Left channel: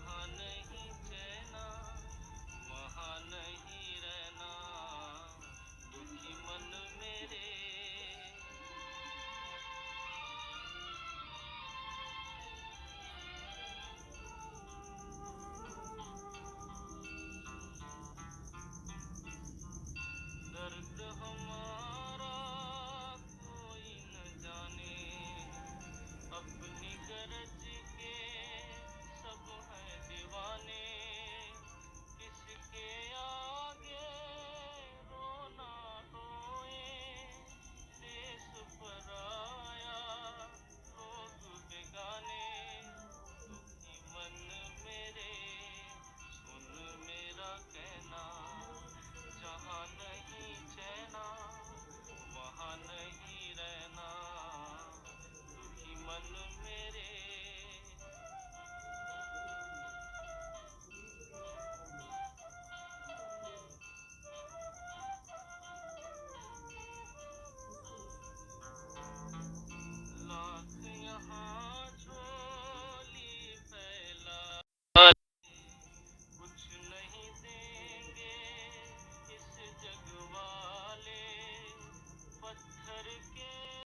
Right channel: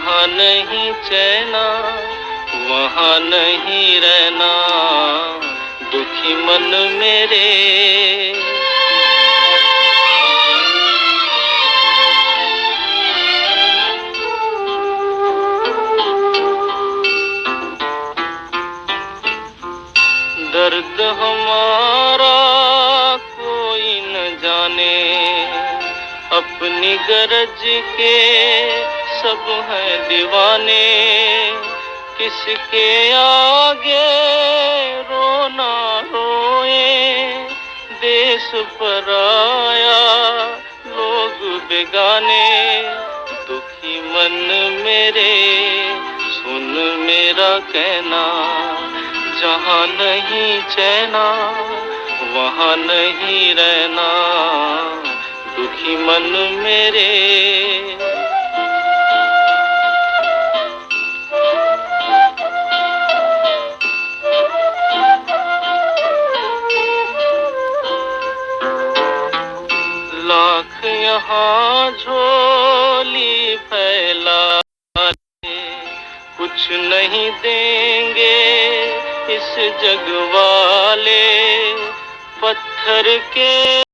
जहाँ नहीं चैना वहाँ नहीं रहना, दुखी मन मेरे। दर्द हमारा कोई न जाने, अपनी गरज के सब हैं दीवाने। किसके आगे रोना रोए, देश पराया लोग बेगाने। दुखी मन मेरे सुन मेरा कहना, जहाँ नहीं चैना वहाँ नहीं रहना, दुखी मन मेरे। लाख यहाँ झोली फैला कुछ नहीं देंगे इस जग वाले, पत्थर के